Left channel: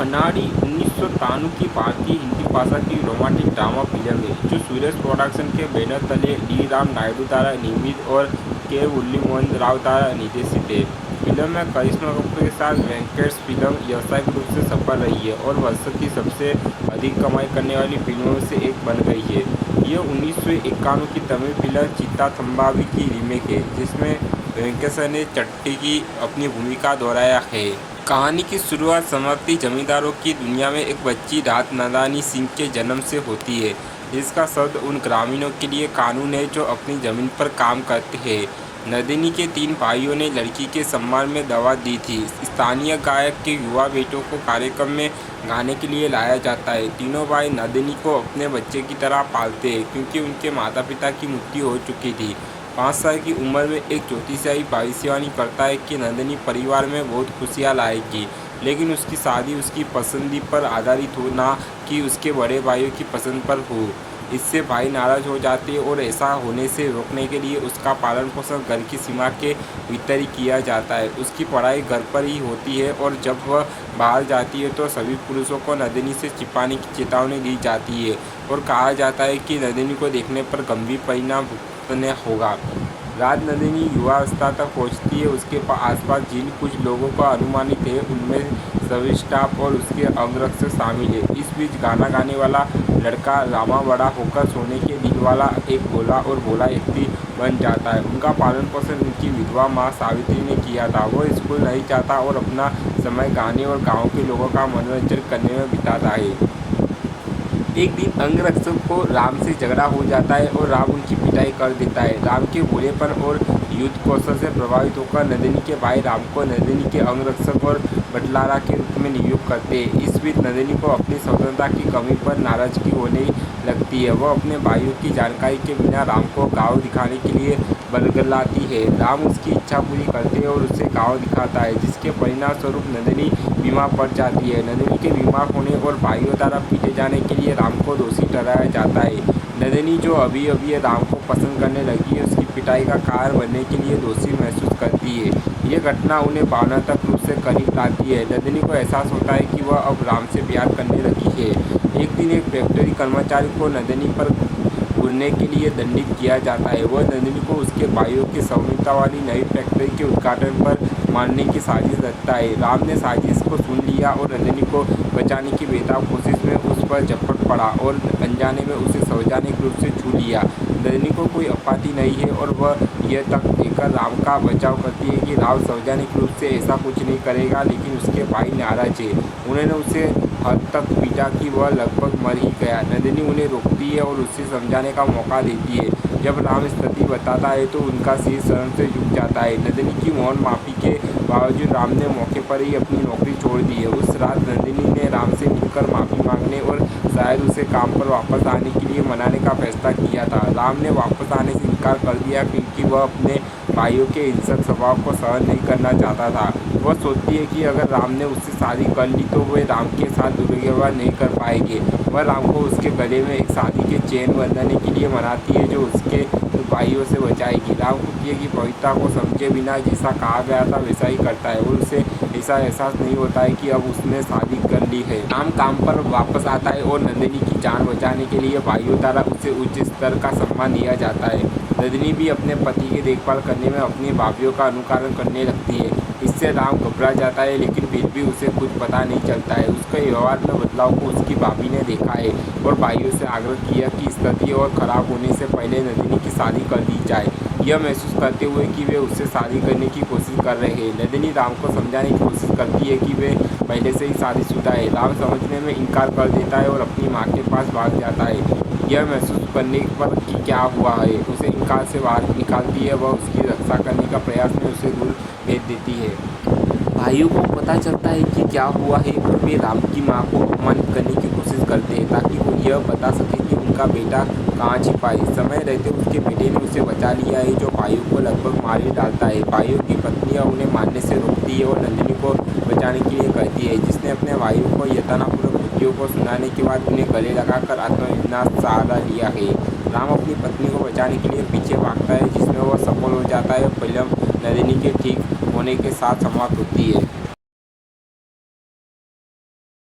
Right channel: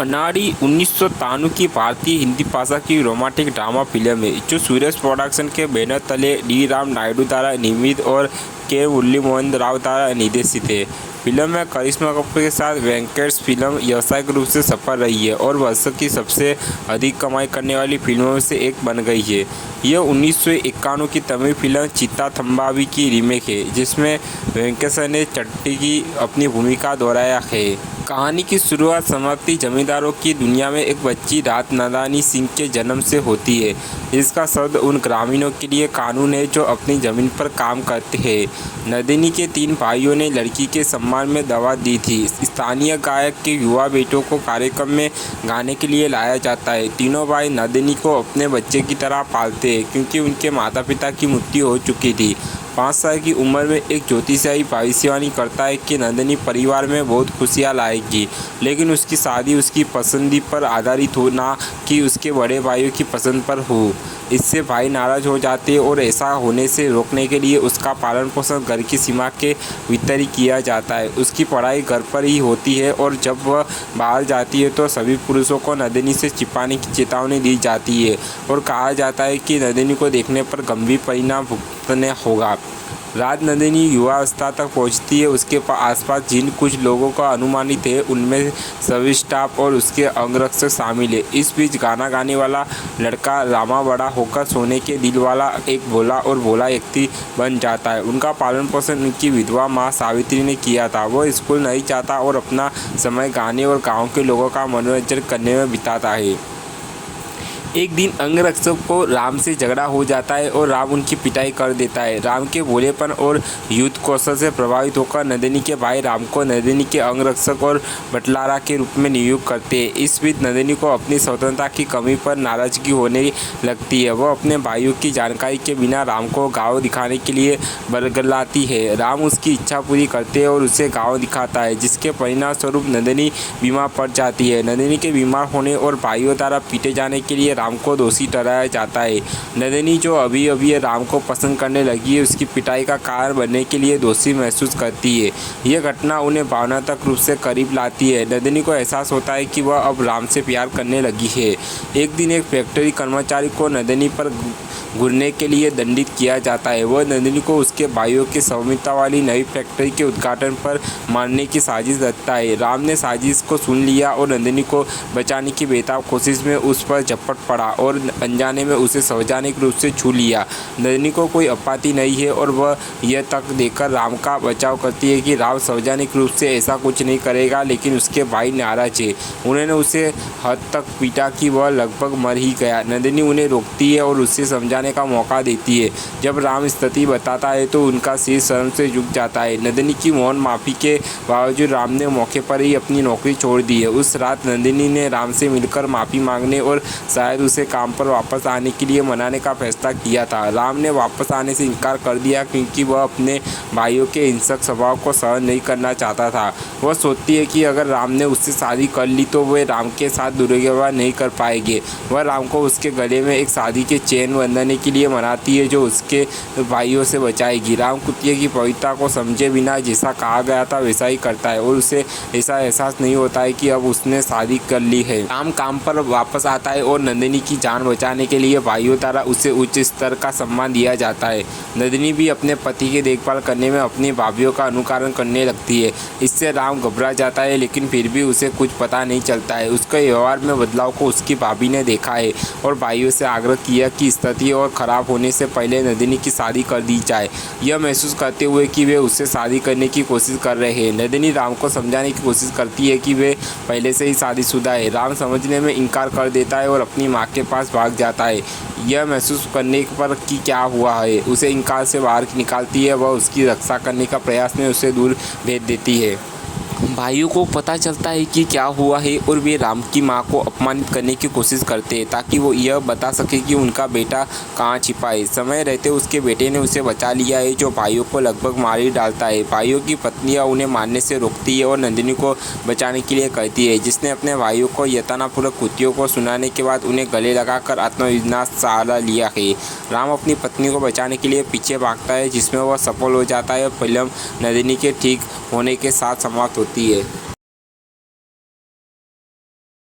अनाड़ी 1993 की भारतीय हिंदी भाषा की रोमांटिक ड्रामा फिल्म है जो सूरज प्रोडक्शन के बैनर तले डी राम नायडू द्वारा निर्मित और के मुरली मोहन राव द्वारा निर्देशित है। फिल्म में करिश्मा कपूर के साथ वेंकटेश फिल्म व्यावसायिक रूप से सफल रही है और वर्ष की सबसे अधिक कमाई करने वाली फिल्मों में से एक बन गई है। यह 1991 की तमिल फिल्म चित्ता थम्बावी की रीमेक है जिसमें वेंकटेश ने चट्टी की अपनी भूमिका दोहराया है। कहानी की शुरुआत समाप्ति जमींदारों की दुनिया में एक बच्ची रात नंदानी सिंह के जन्म से होती है। इसका शब्द उन ग्रामीणों के लिए कानून है जो अपनी ज़मीन पर काम करते हैं। नंदिनी के 3 भाइयों ने लड़की के सम्मान में दवा दी थी। स्थानीय गायक के युवा बेटों को कार्यक्रम में गाने के लिए लाया जाता है। तीनों भाई नंदिनी को अपने बच्चे की तरह पालते हैं क्योंकि उनके माता पिता की मृत्यु हो चुकी थी। 5 साल की उम्र में एक ज्योतिषी भविष्यवाणी करता है कि नंदिनी परिवार में बहुत खुशियाँ लाएगी, लेकिन उसकी शादी उसकी पसंदी पर आधारित हो, ना कि उसके बड़े भाइयों की पसंद पर हो। इससे भाई नाराज हो जाते हैं और ऐसा होने से रोकने के लिए उसका पालन पोषण घर की सीमा के भीतर ही किया जाता है। उसकी पढ़ाई घर पर ही होती है और जब वह बाहर जाती है तो सभी पुरुषों को नंदिनी से छिपाने की चेतावनी दी जाती है और कहा जाता है कि नंदिनी को देखने पर गंभीर परिणाम भुगतने होगा। रात नंदिनी युवावस्था तक पहुंचती है। उसके आसपास जिन कुछ लोगों का अनुमानित है उनमें सभी स्टाफ और उसके अंगरक्षक शामिल है। इस बीच गाना गाने वाला लड़का रामा बड़ा होकर सोने के दिल वाला एक भोला और भोला व्यक्ति बन जाता है। उनका पालन पोषण उनकी विधवा माँ सावित्री ने किया था। वो स्कूल नहीं जाता और अपना समय गाने और गाँव के लोगों का मनोरंजन करने में बिताता है। एक दिन अंगरक्षक को राम से झगड़ा हो जाता है और राम उनकी पिटाई कर देता है। राम के भोलेपन और युद्ध कौशल से प्रभावित होकर नंदिनी के भाई राम को नंदिनी के अंगरक्षक और बटलारा के रूप में नियुक्त करते हैं। इस बीच नंदिनी को अपनी स्वतंत्रता की कमी पर नाराजगी होने लगती है। वह अपने भाइयों की जानकारी के बिना राम को गाँव दिखाने के लिए बरगलाती है। राम उसकी इच्छा पूरी करते हैं और उसे गाँव दिखाता है, जिसके परिणाम स्वरूप नंदिनी बीमार पड़ जाती है। नंदिनी के बीमार होने और भाइयों द्वारा पीटे जाने के लिए राम को दोषी ठहराया जाता है। नंदिनी जो अभी अभी राम को पसंद करने लगी है, उसकी पिटाई का कारण बनने के लिए दोषी महसूस करती है। यह घटना उन्हें भावनात्मक रूप से करीब लाती है। नंदिनी को एहसास होता है कि वह अब राम से प्यार करने लगी है। एक दिन एक फैक्ट्री कर्मचारी को नंदिनी पर घूरने के लिए दंडित किया जाता है। वह नंदिनी को उसके भाइयों की स्वामित्व वाली नई फैक्ट्री के उद्घाटन पर मारने की साजिश रचता है। राम ने साजिश को सुन लिया और नंदिनी को बचाने की बेताब कोशिश में उस पर झपट पड़ा और अनजाने में उसे सार्वजनिक रूप से छू लिया। नंदिनी को कोई आपत्ति नहीं है और वह यह तक देकर राम का बचाव करती है कि राम सार्वजनिक रूप से ऐसा कुछ नहीं करेगा, लेकिन उसके भाई नाराज है। उन्होंने उसे हद तक पीटा कि वह लगभग मर ही गया। नंदिनी उन्हें रोकती है और उससे समझाने का मौका देती है। जब राम स्थिति बताता है तो उनका सिर शर्म से झुक जाता है। नंदिनी की मौन माफी के बावजूद राम ने मौके पर ही अपनी नौकरी छोड़ दी है। उस रात नंदिनी ने राम से मिलकर माफी मांगने और शायद उसे काम पर वापस आने के लिए मनाने का फैसला किया था। राम ने वापस आने से इनकार कर दिया क्योंकि वह अपने भाइयों के हिंसक स्वभाव को सहन नहीं करना चाहता था। वह सोचती है कि अगर राम ने उससे शादी कर ली तो वे राम के साथ दुर्व्यवहार नहीं कर पाएंगे। वह राम को उसके गले में एक शादी के चेन बंधने के लिए मनाती है जो उसके भाइयों से बचाएगी। राम कुतिया की पवित्रता को समझे बिना जैसा कहा गया था वैसा ही करता है और उसे ऐसा एहसास नहीं होता है कि अब उसने शादी कर ली है। राम काम पर वापस आता है और नंदिनी की जान बचाने के लिए भाइयों द्वारा उसे उच्च स्तर का सम्मान दिया जाता है। नंदिनी भी अपने पति की देखभाल करने में अपनी भाभीियों का अनुकरण करने लगती है। इससे राम घबरा जाता है, लेकिन फिर भी उसे कुछ पता नहीं चलता है। उसके व्यवहार में बदलाव को उसकी भाभी ने देखा है और भाइयों से आग्रह किया कि स्थिति और खराब होने से पहले नंदिनी की शादी कर दी जाए, यह महसूस करते हुए कि वे उससे शादी करने की कोशिश कर रहे हैं। नंदिनी राम को समझाने की कोशिश करती है कि वे पहले से ही शादीशुदा है। राम समझने में इनकार कर देता है और अपनी माँ के पास भाग जाता है। यह महसूस करने पर कि क्या हुआ है उसे इनकार से बाहर निकालती है। वह उसकी रक्षा करने का प्रयास में उसे दूर भेज देती है। भाइयों को पता चलता है कि क्या हुआ है और वे राम की मां को अपमानित करने की कोशिश करते हैं ताकि वो यह बता सके कि उनका बेटा कहां छिपा है। समय रहते उसके बेटे ने उसे बचा लिया है, जो भाइयों को लगभग मार ही डालता है। भाइयों की पत्नियां उन्हें मारने से रोकती है और नंदिनी को बचाने के लिए कहती है, जिसने अपने भाइयों को यातनापूर्वक कृत्यों को सुनाने के बाद उन्हें गले लगाकर आत्मविनाश सहारा लिया है। राम अपनी पत्नी को बचाने के लिए पीछे भागता है, जिसमें वह सफल हो जाता है और फिल्म नंदिनी के ठीक होने के साथ समाप्त होती है।